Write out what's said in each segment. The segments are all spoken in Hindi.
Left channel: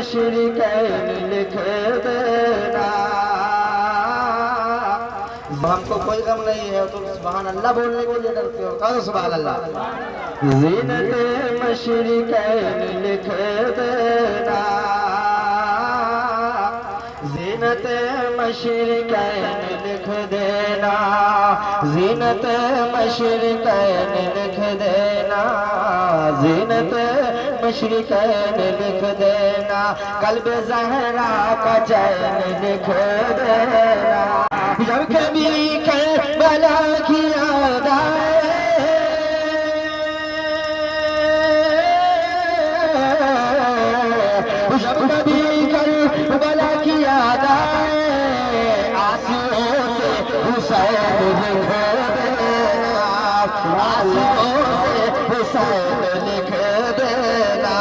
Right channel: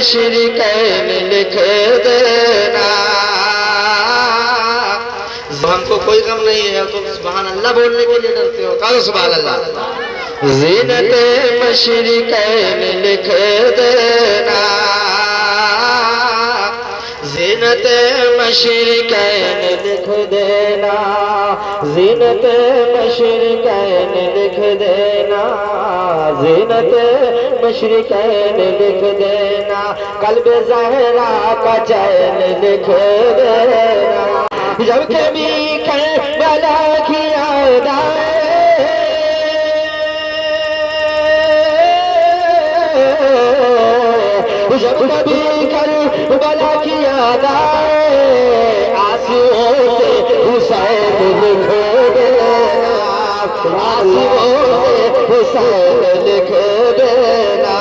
मशरिकैन लिख देना। हमको कोई गम नहीं है, तो सुभान अल्लाह बोलने के लिए डरते हो, कहो सुभान अल्लाह। ज़ीनत मशरिकैन लिख देना, ज़ीनत मशरिकैन लिख देना, ज़ीनत मशरिकैन लिख देना, ज़ीनत मशरिकैन लिख देना, क़ल्ब ज़हरा का चैन लिख देना। जब कभी करबला की याद आए, जब कभी करबला की याद आए, आंसुओं से हुसैन लिख देना, आंसुओं से हुसैन लिख देना,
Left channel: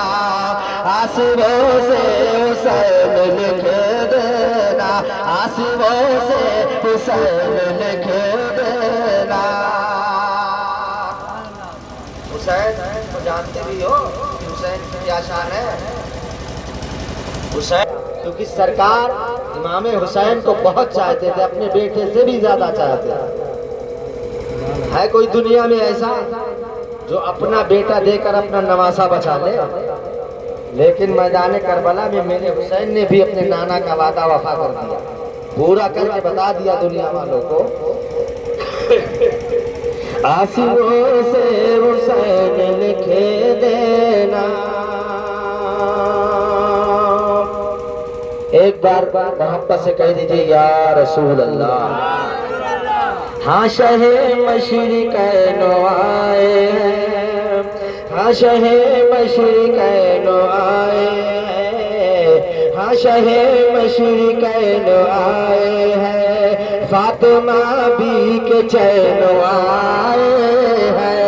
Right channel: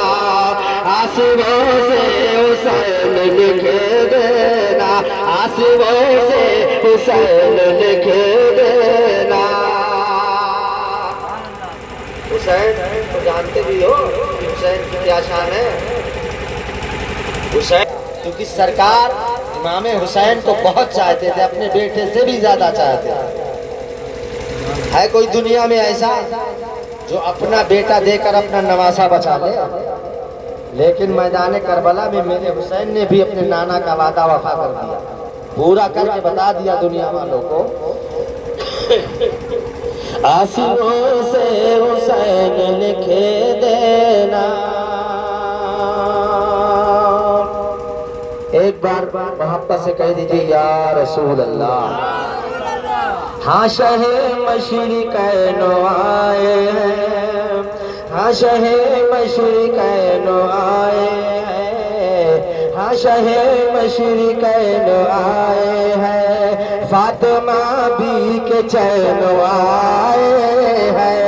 आंसुओं से हुसैन लिख देना, आंसुओं से हुसैन लिख देना। हुसैन तो जानते भी हो कि हुसैन की क्या शान है। हुसैन क्योंकि सरकार इमाम हुसैन को बहुत चाहते थे, अपने बेटे से भी ज्यादा चाहते थे। है कोई दुनिया में ऐसा जो अपना बेटा देकर अपना नवासा बचा ले? लेकिन मैदान करबला में मेरे हुसैन ने भी अपने नाना का वादा वफा कर दिया, पूरा करके बता दिया दुनिया वालों को। आंसुओं से हुसैन लिख देना। एक बार मोहब्बत से कह दीजिए या रसूल अल्लाह। हाँ शहे मशरिकैन आए हैं, हाँ शहे मशरिकैन आए हैं, हाँ शहे मशरिकैन आए हैं, फातिमा भी के चैन आए हैं,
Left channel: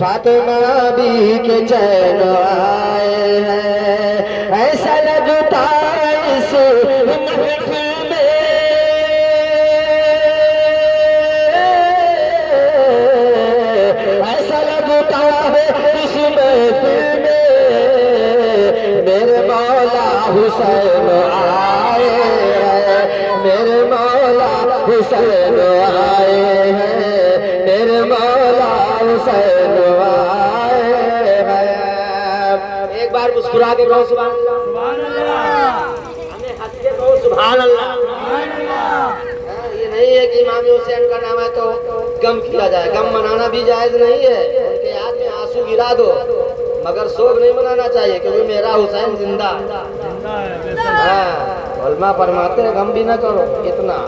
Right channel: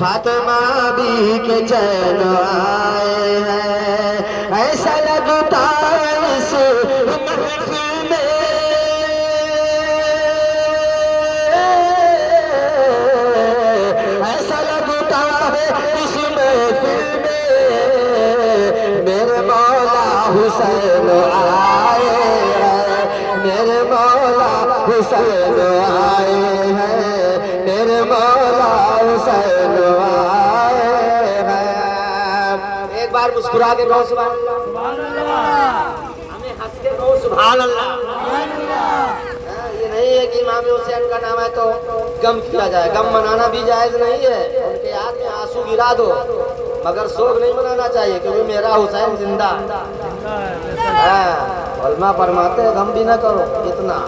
फातिमा भी के चैन आए हैं। ऐसा लगता है इस महफिल में, ऐसा लगता है इस महफिल में मेरे मौला हुसैन आए हैं, मेरे मौला हुसैन आए हैं, मेरे मौला हुसैन आए हैं। एक बार मुस्कुरा के कहो सुभान अल्लाह, हमें हंस के कहो सुभान अल्लाह। ये नहीं है कि इमाम हुसैन का नाम है तो गम किया जाए, गम मनाना भी जायज नहीं है, उनके याद में आंसू गिरा दो, मगर शोक नहीं मनाना चाहिए क्योंकि मेरा हुसैन जिंदा है। उलमा फरमाते हैं गम भी ना करो इतना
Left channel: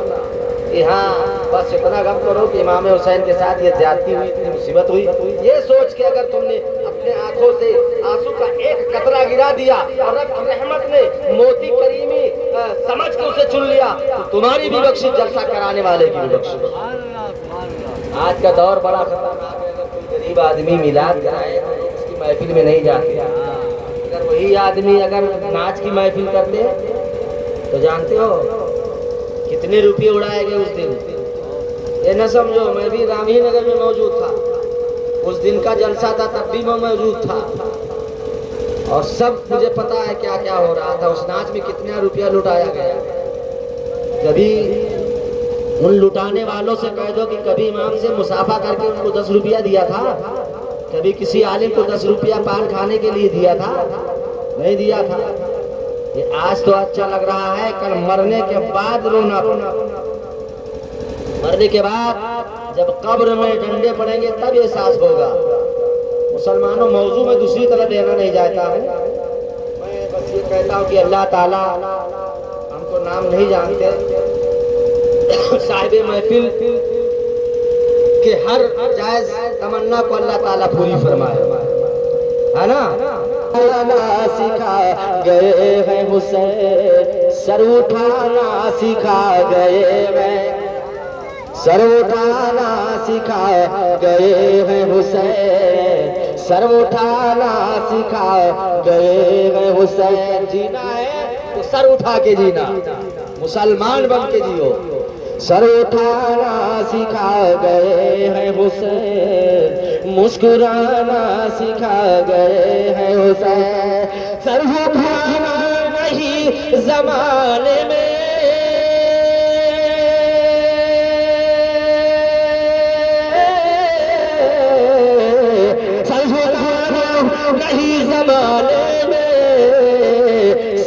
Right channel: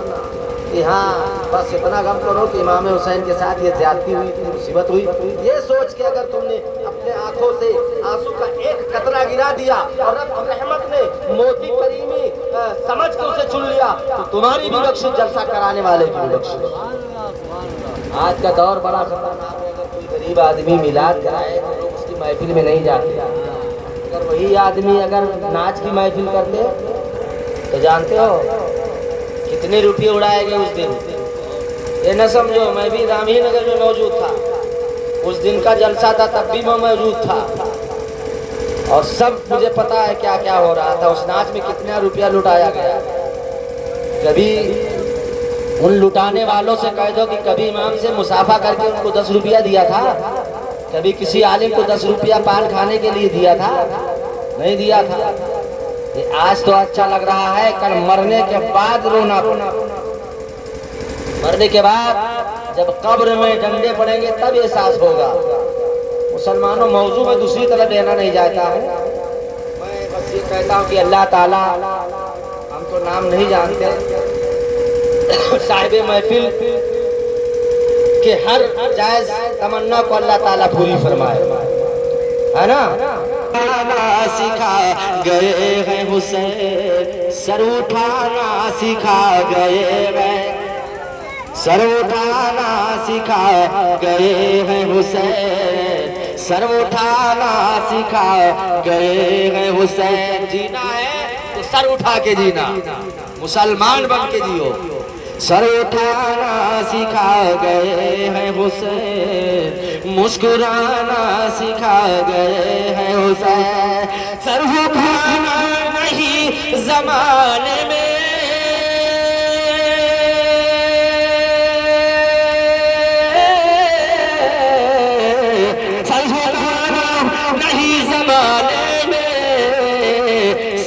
कि हाँ बस इतना गम करो कि इमाम हुसैन के साथ ये ज्यादती हुई, मुसीबत हुई। ये सोच के अगर तुमने अपने आंखों से आंसू का एक कतरा गिरा दिया और रब की रहमत ने मोती करीमी समझ के उसे चुन लिया तो तुम्हारी भी बख्शिश, जलसा कराने वाले की भी बख्शिश। आज का दौर बड़ा खतरनाक है, अगर कोई गरीब आदमी मिलाद कराए तो लोग उसकी महफिल में नहीं जाते। अगर वही आदमी अगर नाच की महफिल करते तो जानते हो कितने रुपये उड़ाए गए उस दिन। ये न समझो, मैं भी रामही नगर में मौजूद था, उस दिन का जलसा था तब भी मैं मौजूद था और सब मुझे पता है क्या क्या हो रहा था। उस नाच में कितना रुपया लुटाया गया। कभी उन लुटाने वालों से कह दो कि कभी इमाम से मुसाफा करके उनको 10 रुपया दिया था, कभी किसी आलिम को 10 रुपया पान खाने के लिए दिया था? नहीं दिया था। ये आज तो अच्छा लग रहा है, कल मरने के बाद रोना पड़ा। मरने के बाद जब कब्र में डंडे पड़ेंगे तब एहसास होगा। मुसलमानों, मौजू में दूसरी तरफ लेना नहीं चाहता हूँ, मैं बस ये कहता हूँ कि अल्लाह ताला, हम तो नाम नहीं जानते, साहिब महफिल के हर जायज तमन्ना को अल्लाह ताला पूरी फरमाए, है ना। सिखा गए हैं हुसैन, सर उठाना सिखा गए हैं, सर उठाना सिखा गए हैं हुसैन, सर उठाना सिखा गए हैं हुसैन। जीना है तो सर उठा के जीना, मुसलमान बन के जियो। सर उठाना सिखा गए हैं हुसैन, मुस्कुराना सिखा गए हैं हुसैन, सर जमाने में सर झुकाना नहीं जमाने में,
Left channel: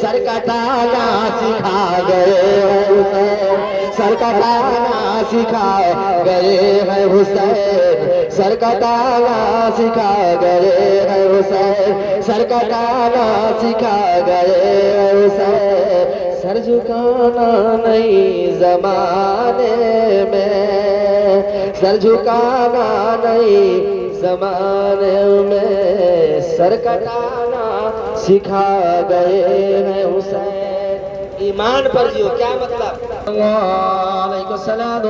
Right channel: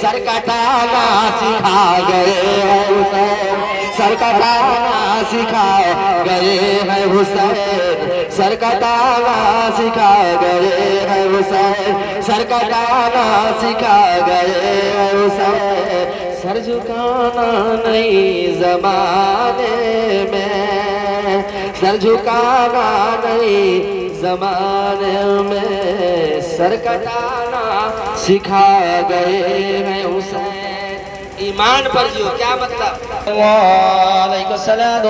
सर कटाना सिखा गए हैं हुसैन, सर कटाना सिखा गए हैं हुसैन, सर कटाना सिखा गए हैं हुसैन, सर कटाना सिखा गए हैं हुसैन, सर झुकाना नहीं जमाने में, सर झुकाना नहीं जमाने में, सर कटाना सिखा गए हैं हुसैन। ईमान पर जियो, क्या मतलब? वालेकुम सलाम।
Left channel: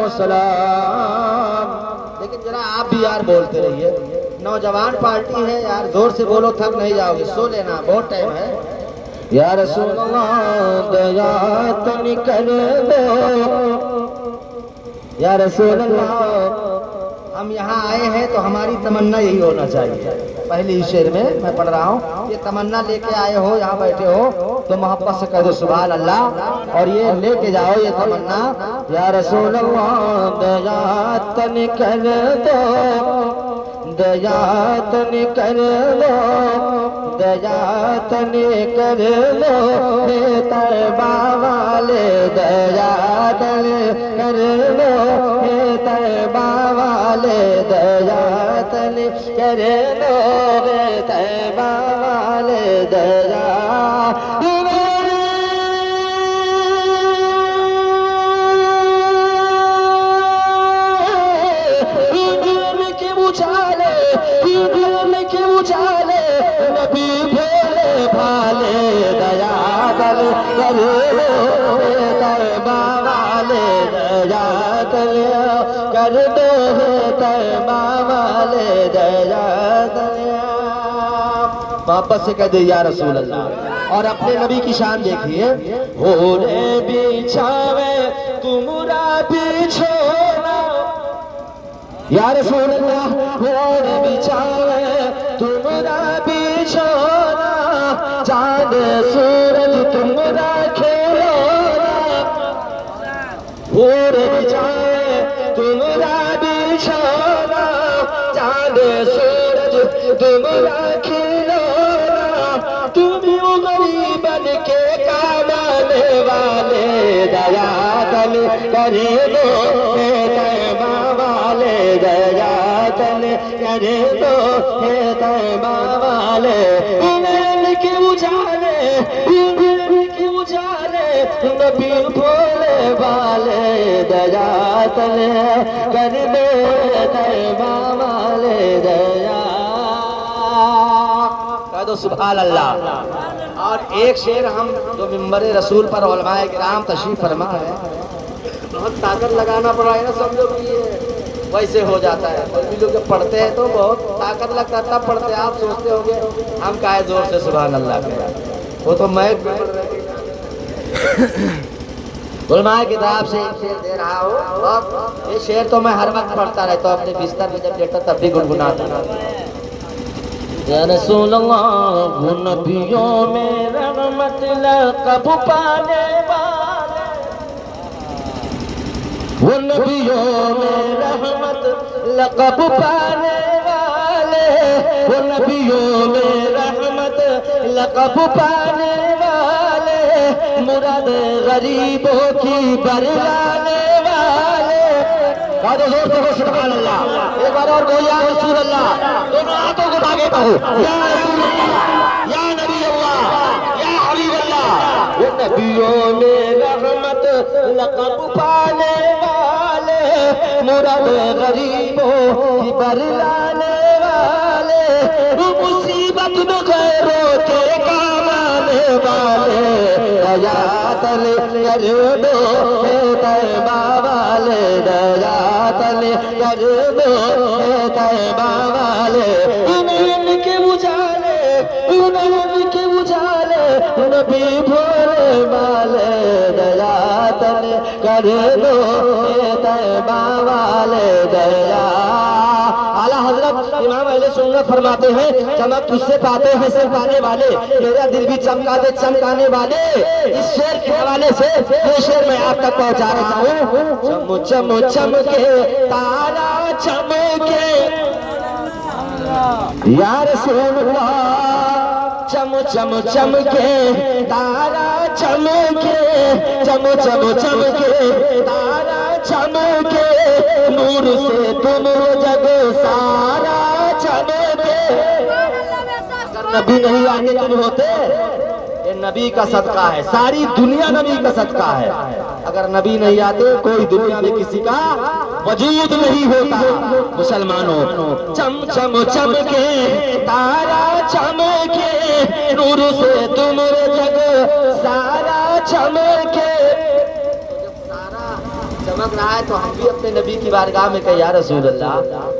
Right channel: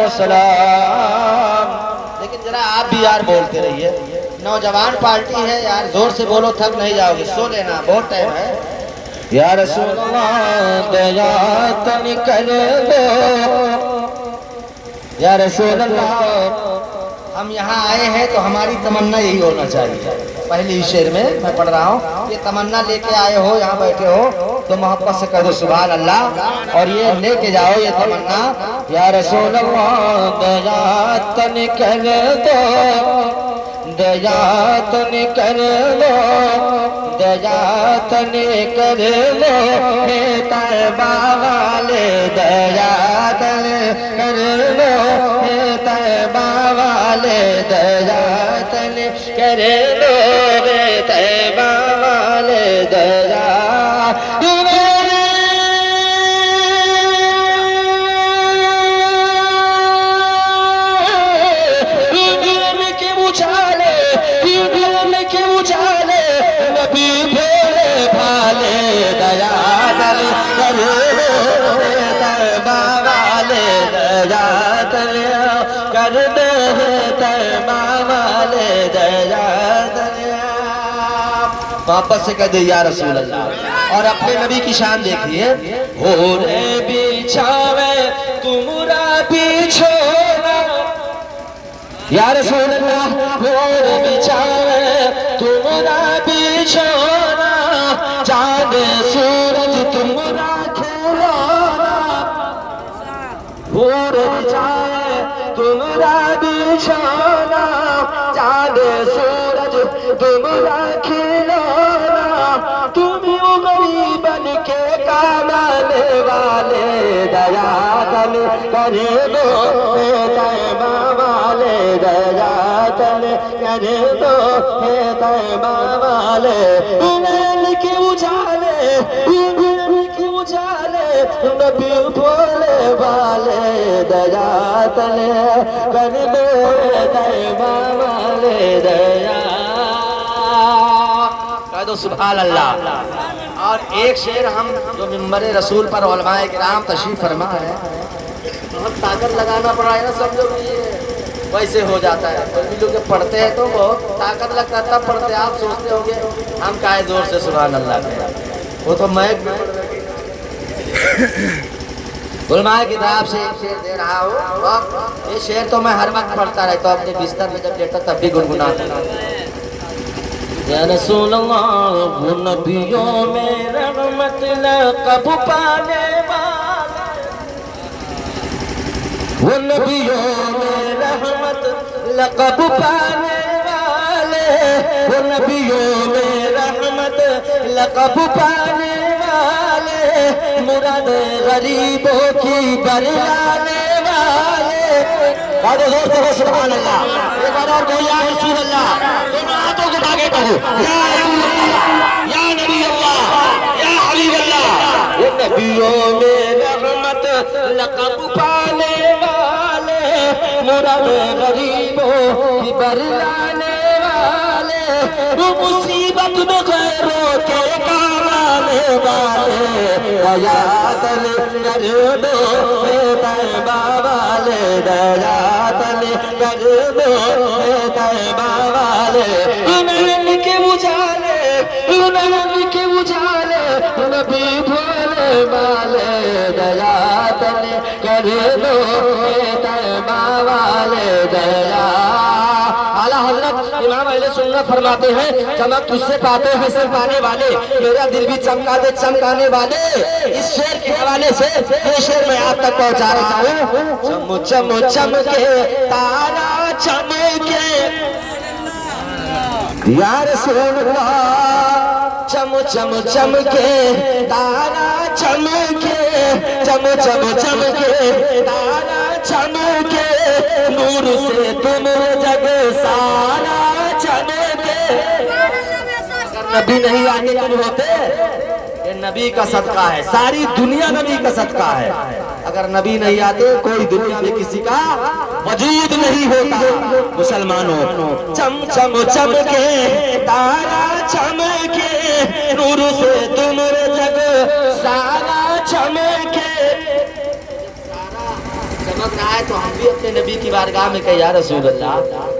लेकिन जरा आप भी यार बोलते रहिए, नौजवान पार्टी है यार, जोर से बोलो, थक नहीं जाओगे, सो लेना, बहुत टाइम है। या रसूल अल्लाह दया तन कर दो, या रसूल अल्लाह हम यहाँ आए हैं तो हमारी तमन्ना यही होना चाहिए। पहले ही शेर में मैं पढ़ रहा हूँ, ये तमन्ना लेके आए हो, यहाँ बैठे हो तो मोहब्बत से कह दो सुभान अल्लाह, और ये लेके जाओ ये तमन्ना, या रसूल अल्लाह दया तन कर दो, दया तन कर लो, दया तन कर लो, हे तैबा वाले दया तन कर लो, हे तैबा वाले दया तन कर लो, हे तैबा वाले दया कर दे तैबा वाले दया दया। वापस से कह दे या रसूल अल्लाह। और अपने नबी की शान देखिए, हो रे बिछावे तुमरा बिछोना, या रसूल अल्लाह हो रे बिछावे तुमरा बिछोना, चांद सूरज तुमरा खिलौना, हो रे बिछावे तुमरा बिछोना, चांद सूरज तुमरा खिलौना, तुम गरीबन के कामाने वाले दया तन कर दो, तैबा वाले दया तन कर दो, तैबा वाले के उजाले, के उजाले नबी भोले वाले दया तन कर दो, तैबा वाले दया। कह दो सुभान अल्लाह। और एक शेर हम जो मिंबर रसूल पर उलमाए किराम तशरीफ फरमा है, बहुत ताकत लगाना पड़ा है ना, सब लोग ये वैसे हो जाता है। और भी लोग जब पढ़ते हैं तो बहुत ताकत लगता है तब पढ़ते हैं। आप सोचते होंगे हम काहे जोर से सुभान अल्लाह कह, वो तो मैं उलमाए किताब से एक शेर दे रहा हूँ। और ये शेर तो मैं हर वक्त पढ़ता रहता हूँ, अपने बिस्तर में जब लेटा तब भी गुनगुनाता रहता। या रसूल अल्लाह वो नबियों में रहमत लक़ब पाने वाले, वो नबियों में रहमत लक़ब पाने वाले, वो नबियों में रहमत लक़ब पाने वाले, मुराद गरीबों की बरलाने वाले। बात जोर से सुभान अल्लाह। एक बार और कहो या रसूल अल्लाह, दोनों हाथों को आगे करो, या रसूल अल्लाह, या नबी अल्लाह, या हबीब अल्लाह। ये नबियों में रहमत लक़ब पाने वाले, मुराद गरीबों की बरलाने वाले, मुसीबत में गैरों के काम आने वाले, दया तन कर दो, तैबा वाले दया तन कर दो, तैबा वाले। के उजाले, के उजाले नबी भोले वाले दया तन कर दो, तैबा वाले दया। आला हज़रत इमाम अहले सुन्नत सुन्नत फरमाते हैं, चमक तुझसे पाते हैं सब पाने वाले, मेरा दिल भी चमका दे चमकाने वाले। इस शेर के हवाले से ये शेर मैं आप तक पहुंचा रहा हूँ। चमो चमो चमके तारा चमके या रसूल अल्लाह, चमो चमो चमके तारा चमके, चमो चमो चमके तारा चमके, नूर से तुम जग सारा चमके। नबी नहीं आते तुम होते, ये नबी का सदका है, सारी दुनिया नबी का सदका है। अगर नबी नहीं आते कोई दुनिया में किसी का वजूद नहीं होता। मुसलमानों, चम चम चमके तारा चमके, नूर से तुम जग सारा चमके। चमक रहा है तो हम भी अपने नबी की बारगाह में कहे, या रसूल अल्लाह,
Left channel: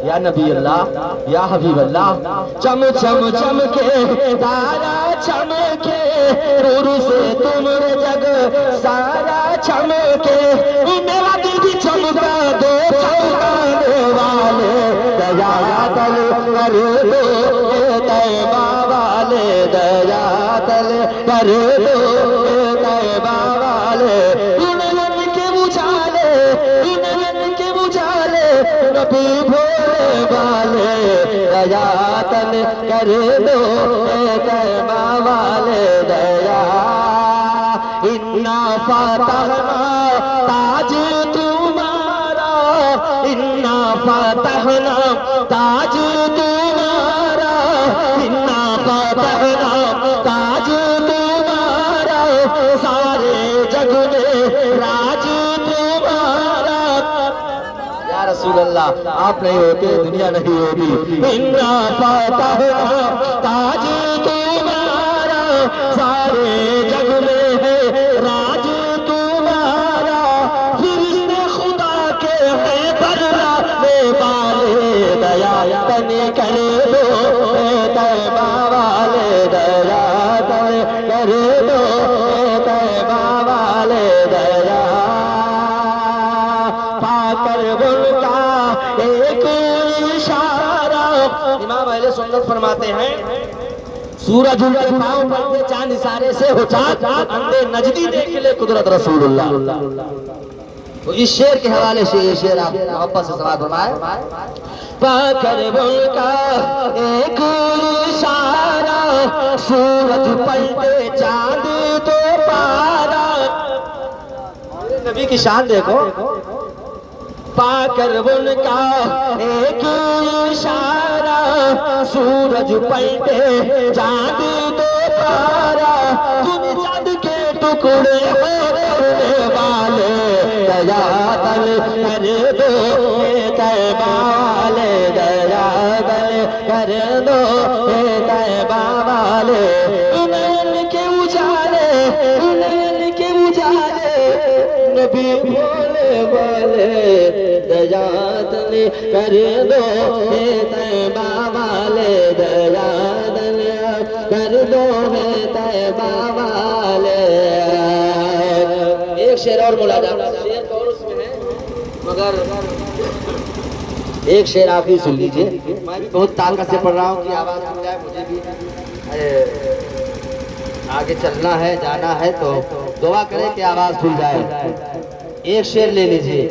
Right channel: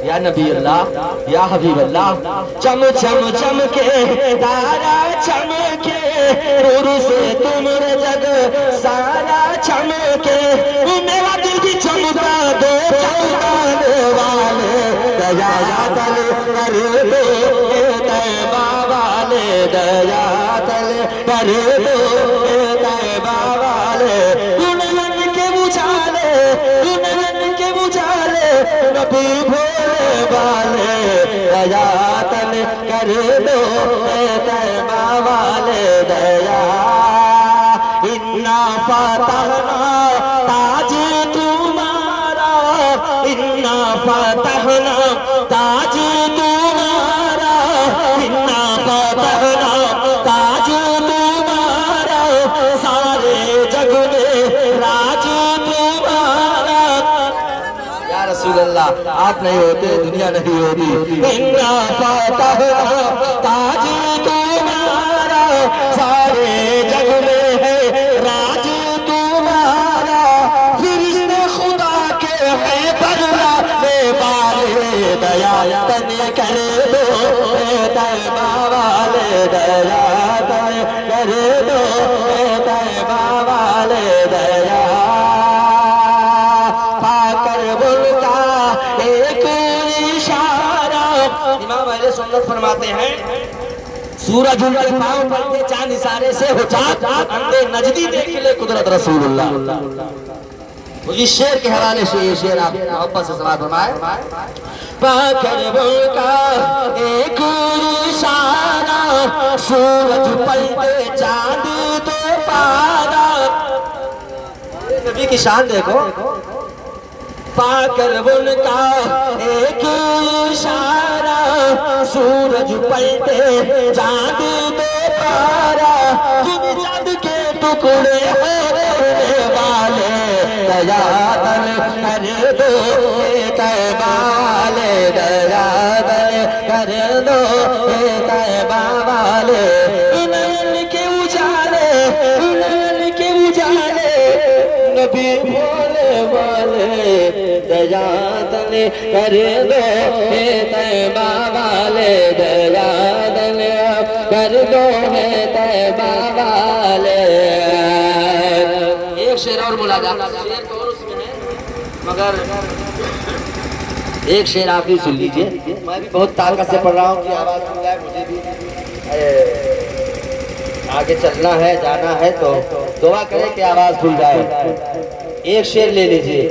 या नबी अल्लाह, या हबीब अल्लाह। चम चम चमके तारा चमके, नूर से तुम जग सारा चमके। मेरा दिल भी चमका दो चमकाने वाले, दया तल कर दो तैबा वाले, दया तल कर दो तैबा वाले। नयन के बुझाले, नयन के बुझाले, नबी भोले वाले, दया तल कर दो तैबा वाले, दया। इन्ना फतहना ताज तुम्हारा, इन्ना फतहना ताज तुम्हारा, इन्ना फतहना ताज तुम्हारा, सारे जग में राज तुम्हारा। या रसूल अल्लाह, आप नहीं होते दुनिया नहीं होती। इन्ना फतहना ताज तुम्हारा, सारे जग में राज तुम्हारा। फिरिश्ते खुदा के हैं बदलाने वाले, दया तन कर दो तैबा वाले, दया तन कर दो तैबा वाले, दया। पाकर उनका एक इशारा, इमाम अहले सुन्नत फरमाते हैं, सूरज उनके पांव पड़ते चांद इशारे से हो चाँद, अंधे नजदी देख ले कुदरत रसूलुल्लाह। तो इस शेर के हवाले से ये शेर आप मोहब्बत से समाप्त फरमाए। पाकर उनका एक इशारा, सूरज पलटे चांद तो पारा। नबी की शान देखो, पाकर उनका एक इशारा, सूरज पलटे चांद तो पारा। तुम चांद के टुकड़े होने वाले, दया तल कर दो तैबा वाले, दया तल कर दो तैबा वाले। नयन के उजाले, नयन के उजाले, नबी भोले वाले, दया तल कर दो तैबा वाले, दया तल कर दो तैबा वाले। एक शेर और मुलाजा, शेर तो और उसमें है, मगर एक शेर आप भी सुन लीजिए। मैं भी बहुत ताकत से पढ़ रहा हूँ कि आवाज़ खुल जाए, मुझे भी आगे चलना है जाना है, तो दुआ करें कि आवाज़ खुल जाए। एक शेर ले लीजिए।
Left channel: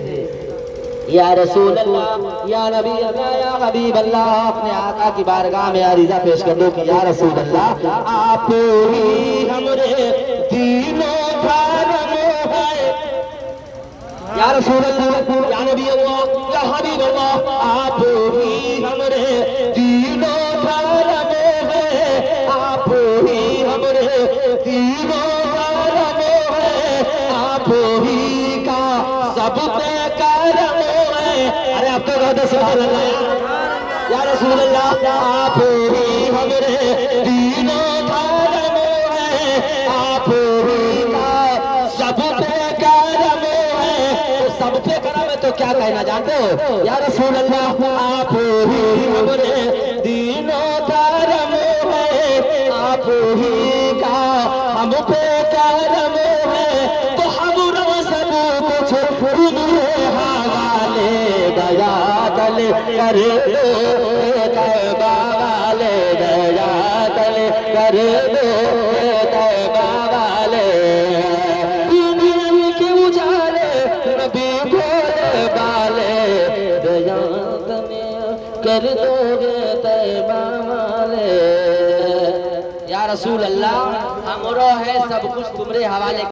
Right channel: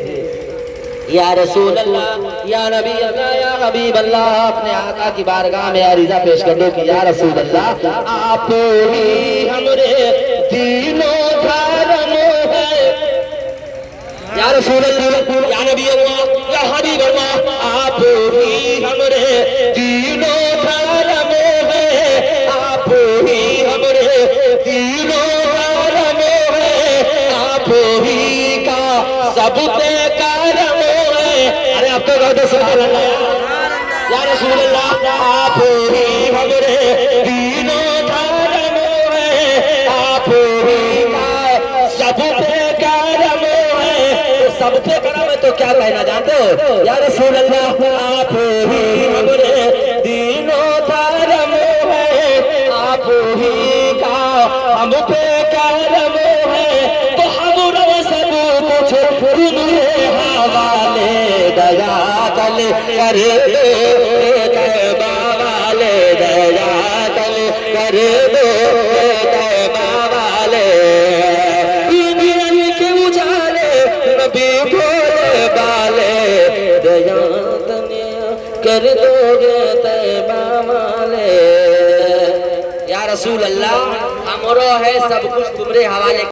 या रसूल अल्लाह, या नबी अल्लाह, या हबीब अल्लाह, अपने आका की बारगाह में अरीज़ा पेश कर दो कि या रसूल अल्लाह, आप ही हमरे दीनो धर्म है। या रसूल अल्लाह, या नबी अल्लाह, या हबीब अल्लाह, आप ही हमरे दीनो धर्म है, आप ही हमरे दीनो धर्म है, आप ही का सब पे करम है। अरे आपको कहते सुभान अल्लाह, या रसूल अल्लाह, आप ही हमरे दीनो धर्म है, आप ही का सब पे करम है। सब पे करम है तो क्या कहना जानते हो? या रसूल अल्लाह, आप ही हमरे दीनो धर्म है, आप ही का हम पे करम है। तो हम सब कुछ तुम्हें हवाले, दया तल कर दो तैबा तैयबा वाले, दुनिया के उजाले नबी भोले वाले, दयात में कर दोगे तैयबा वाले। या रसूल अल्लाह, हमरो है सब कुछ तुमरे हवाले।